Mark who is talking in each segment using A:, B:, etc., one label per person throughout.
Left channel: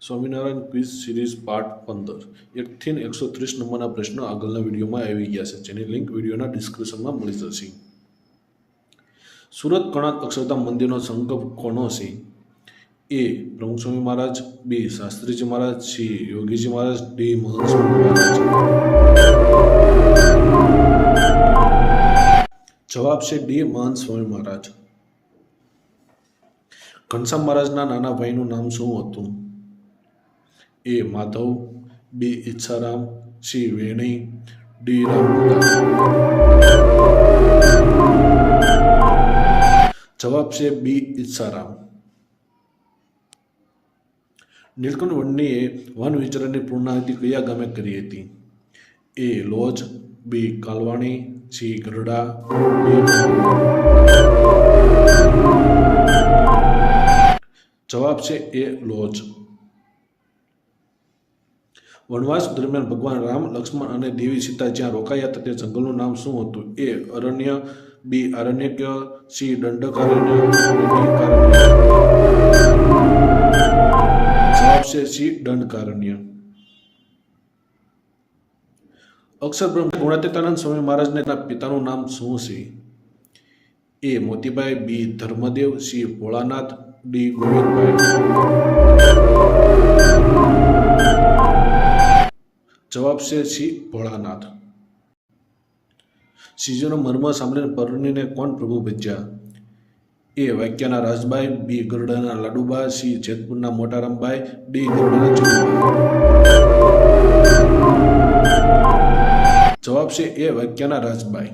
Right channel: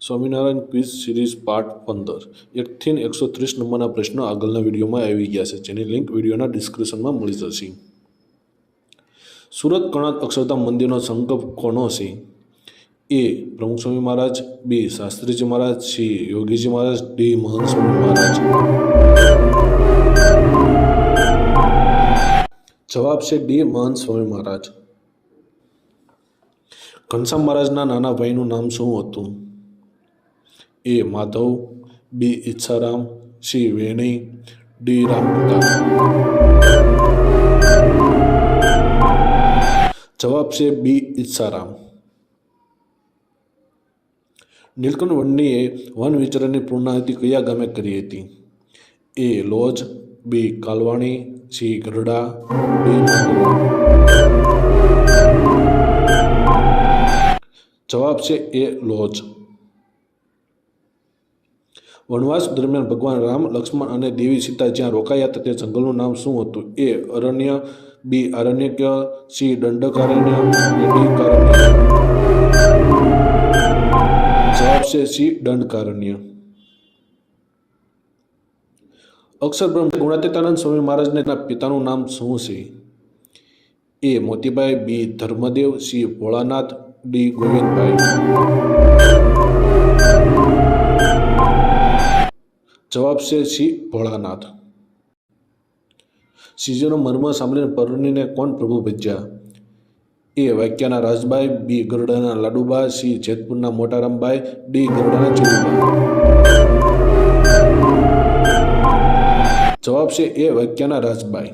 A: Swaminarayan quiz series part પંદર. એકથી એકસો ત્રીસ નંબરના પ્રશ્નો આગળના વિડીયોમાં આવી ગયા છે. જેની લિંક વિડીયોના ડિસ્ક્રિપ્શનમાં મળી જશે. સુરત કણાદ અક્ષરધામ મંદિરનો સંકલ્પ કોનો છે? A Pramukh Swami Maharaj, B Shastriji Maharaj, C Yogiji Maharaj, D Mahant Swami Maharaj. જવાબ છે ડી મહંત સ્વામી મહારાજ. ઘનશ્યામ મહારાજના નાના ભાઈનું નામ શું હતું? A Madhav, B Iccharam, C Veni, D Ramputa જવાબ છે બી ઈચ્છારામ. નીલકંઠ વંડીએ વન વિચરણની પૂર્ણાહુતિ કયા ગામે કરી હતી? A Loj, B Kalvani, C Garda જવાબ છે એ લોજ. વનવાસ દરમિયાન ભગવાન રામ, લક્ષ્મણ અને દેવી સીતા જ્યાં રોકાયા હતા તે જંગલનું નામ શું હતું? એ અરણ્ય, બી આરણ્યક સી દંડકારણ્ય, અને કારણ્ય. જવાબ છે સી દંડકારણ્ય. અક્ષર બ્રહ્મ ગુણાતીતાનંદ સ્વામી મહારાજને તેના પિતાનું નામ શું છે? A Motibhai B Dharmadev, C Bholanath, D Govindbhai. જવાબ છે શ્રી ભોળાનાથ. શ્રીજીનો મર્મ સાંભળીને પરણીને કોણ પ્રભુ ભજ્યા? એ વાક્યના રાજભાઈ, બી ગરડાના લાડુબા, સી જેતપુરના મોટારામભાઈ, ડી ગરડાના ચીરુબા જવાબ છે એ વાક્યના રાજબાઈ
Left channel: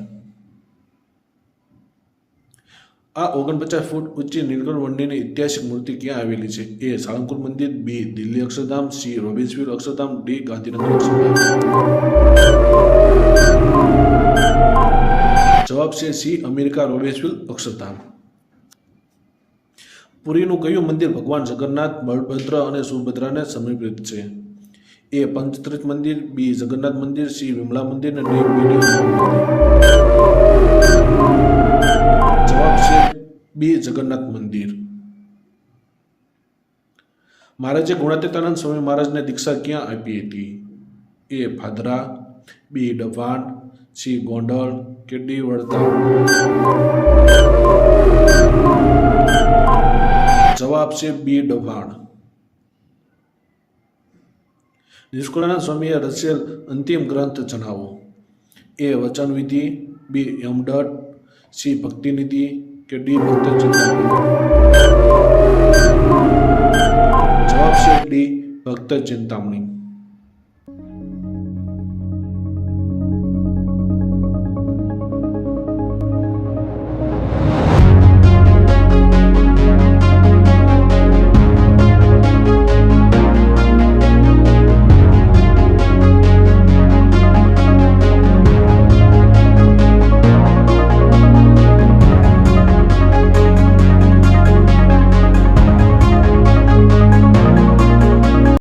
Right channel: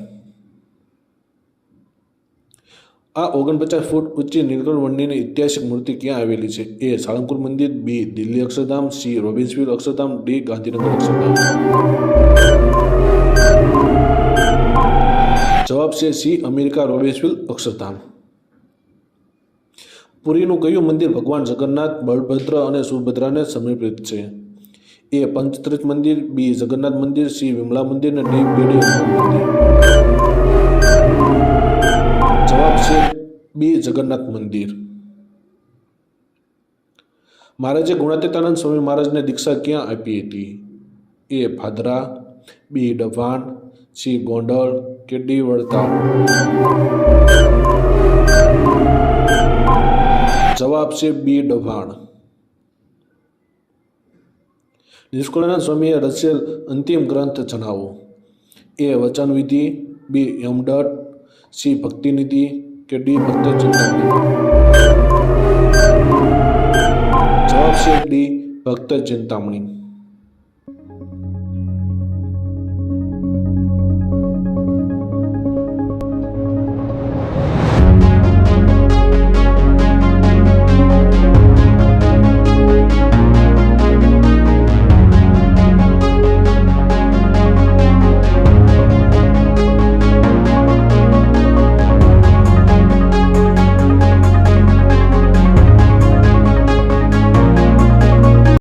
A: આ ઓગણપચાસ ફૂટ ઊંચી નીલકંઠ વંડીની ઐતિહાસિક મૂર્તિ ક્યાં આવેલી છે? એ સાળંગપુર મંદિર, B Delhi Akshardham, C Robbinsville Akshardham, D Gandhinagar Akshardham. જવાબ છે સી અમેરિકા રોબિન્સવિલ અક્ષરધામ. પુરીનું કયું મંદિર ભગવાન જગન્નાથ, બળભદ્ર અને સુભદ્રાને સમર્પિત છે? એ પંચતીર્થ મંદિર, બી જગન્નાથ મંદિર, સી વિમલા મંદિર અને ડી બીડી મંદિર. જવાબ છે બી જગન્નાથ મંદિર. મહારાજે ગુણાતીતાનંદ સ્વામી મહારાજને દીક્ષા ક્યાં આપી હતી? A Bhadra, B Dabhan C Gondal, કે ડી વડતાલ? જવાબ છે બી ડભાણ નિષ્કુળાનંદ સ્વામીએ રચેલ અંતિમ ગ્રંથ જણાવો. એ વચનવિધિ, બી યમડટ સી ભક્તિનિધિ કે ડી ભક્ત ચિંતામણી જવાબ છે ડી ભક્ત ચિંતામણી